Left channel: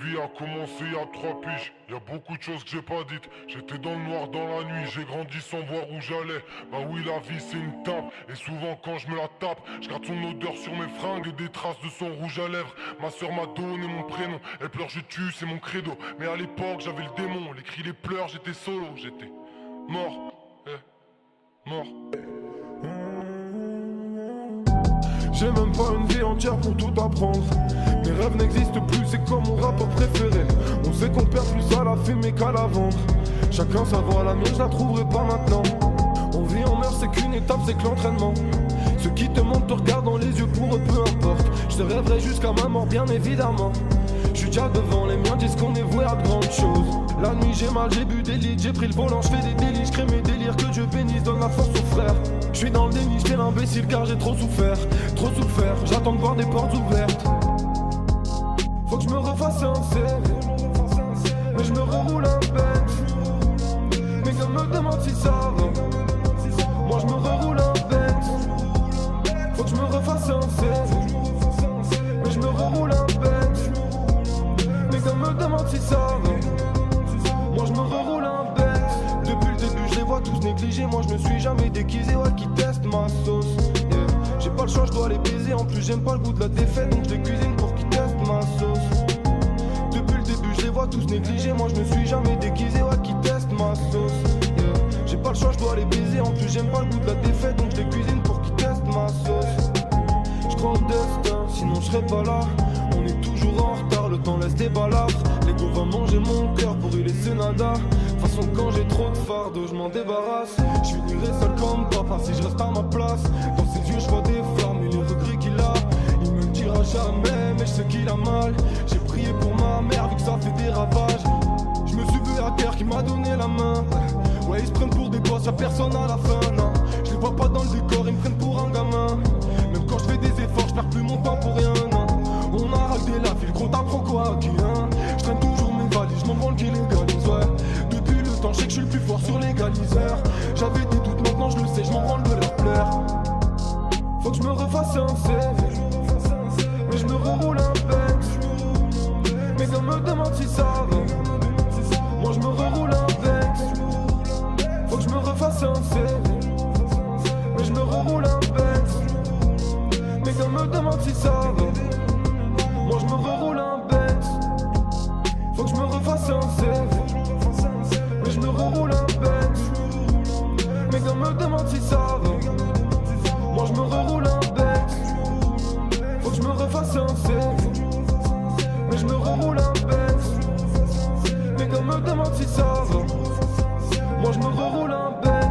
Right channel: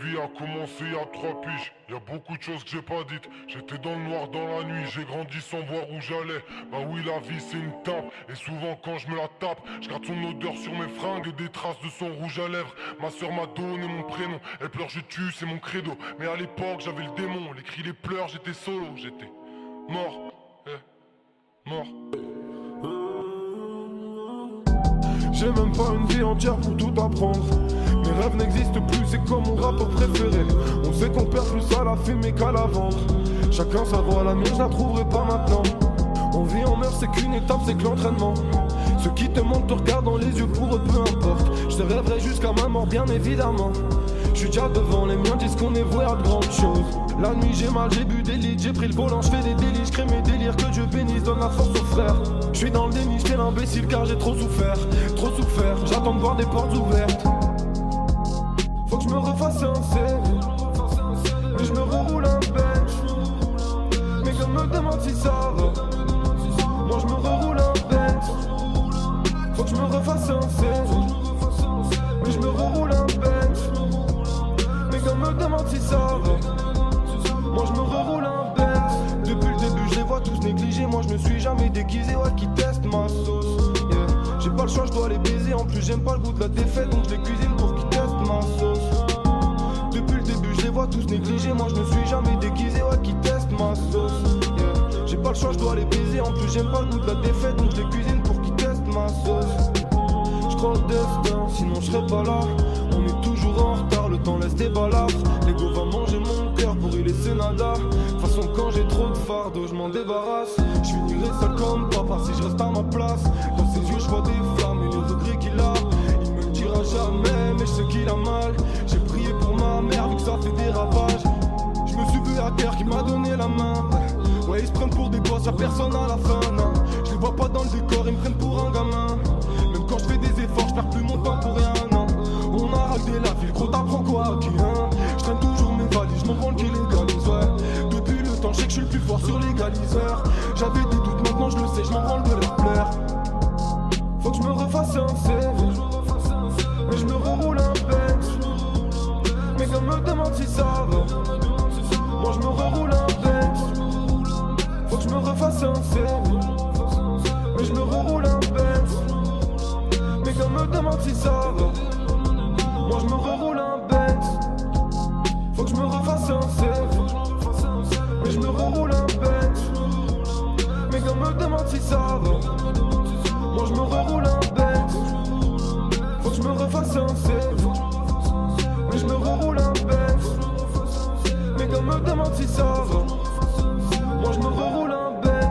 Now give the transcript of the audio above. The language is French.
vie a commencé il y a 3 piges. Y a beaucoup de choses que j'ai pas dites. J'étais dans le noir dans la nuit, j'ai grandi sans voir où j'allais. Bah oui, la vie c'est une tape. Et souvent quand je me la tape, je garde son odeur sur mes fringues et des traces de son rouge à lèvres. Ma soeur m'a donné mon prénom. Elle pleure, je tue, c'est mon credo. Mais à l'époque j'avais le démon. Les cris, les pleurs, j'étais solo, j'étais mort. Mort. J'ai même pas une vie entière pour tout apprendre. Mes rêves n'existent plus, c'est comme mon rappeur préféré. On sait qu'on perd plus à la fumer qu'à la vendre. Chacun sa voie, la mienne je la trouverai pas maintenant. On vit, on meurt, c'est qu'une étape, c'est que l'entraînement. Ceux qui te mentent te regardent dans les yeux, pour eux peu importe. Je te rêverai jusqu'à ma mort, bien évidemment. Je suis déjà devant, les miens disent qu'on est voué à de grandes choses. La nuit j'ai mal, j'ai bu des litres, j'ai pris le volant, je fais des délits, je crée mes délires, que Dieu bénisse, donne la force aux frères. Je suis dans le déni, j'étais l'imbécile car j'ai trop souffert, j'attends de voir des portes ouvertes. Faut que je me refasse un CV, mais je me reroule un Benz. Mes gars me demandent si ça va, moi je me reroule un Benz. Faut que je me refasse un CV, mais je me reroule un Benz. Mes gars me demandent si ça va, moi je me reroule un Benz. Depuis le début je les vois tous négligés, moi je me suis jamais déguisé, ouais qui teste ma sauce, yeah. J'ai pas le choix, je dois les baiser, en plus j'aime pas le goût de la défaite, donc je les cuisine pour qu'ils testent ma sauce. Depuis le début je les vois tous négligés, moi je me suis jamais déguisé, ouais qui testent ma sauce, yeah. J'ai pas le choix, je dois les baiser, en plus j'aime pas le goût de la défaite, donc je les cuisine pour qu'ils testent ma sauce. Je crois au destin, sinon je serais pas là. On est toujours en retard, le temps laisse des balafres. L'ego va manger mon cœur pour y laisser nada. De toute façon quand j'ai trop de fardeau je m'en débarrasse. Je finirai seul comme papa si je reste à ma place. Dans ses yeux je vois des flammes et les regrets qu'il a. Il me le dira jamais mais je sais qu'il a mal. J'ai prié pour ma mère vu que ça fait des ravages. Je me suis vu à terre qui m'a donné la main. Ouais ils se prennent pour des boss, y'a personne à la fin, non. Je les vois pas dans le décor, ils me prennent pour un gamin. Même quand je fais des efforts, je perds plus mon temps pour rien, non. On a raqué la ville, gros t'apprends quoi qui hein. Je traîne toujours mes valises, je m'en branle qui légalise, ouais. Depuis le temps, je sais que je suis le plus fort sur l'égaliseur. J'avais des doutes, maintenant je le sais, je m'en branle de leur plaire. Faut que je me refasse un CV, mais je me reroule un Benz. Mes gars me demandent si ça va, moi je me reroule un Benz. Faut que je me refasse un CV, mais je me reroule un Benz. Mes gars me demandent si ça va, moi je me reroule un Benz. Faut que je me refasse un CV, mais je me reroule un Benz. Mes gars me demandent si ça va, moi je me reroule un Benz. Faut que je me refasse un CV, mais je me reroule un Benz. Mes gars me demandent si ça va, moi je me reroule un Benz.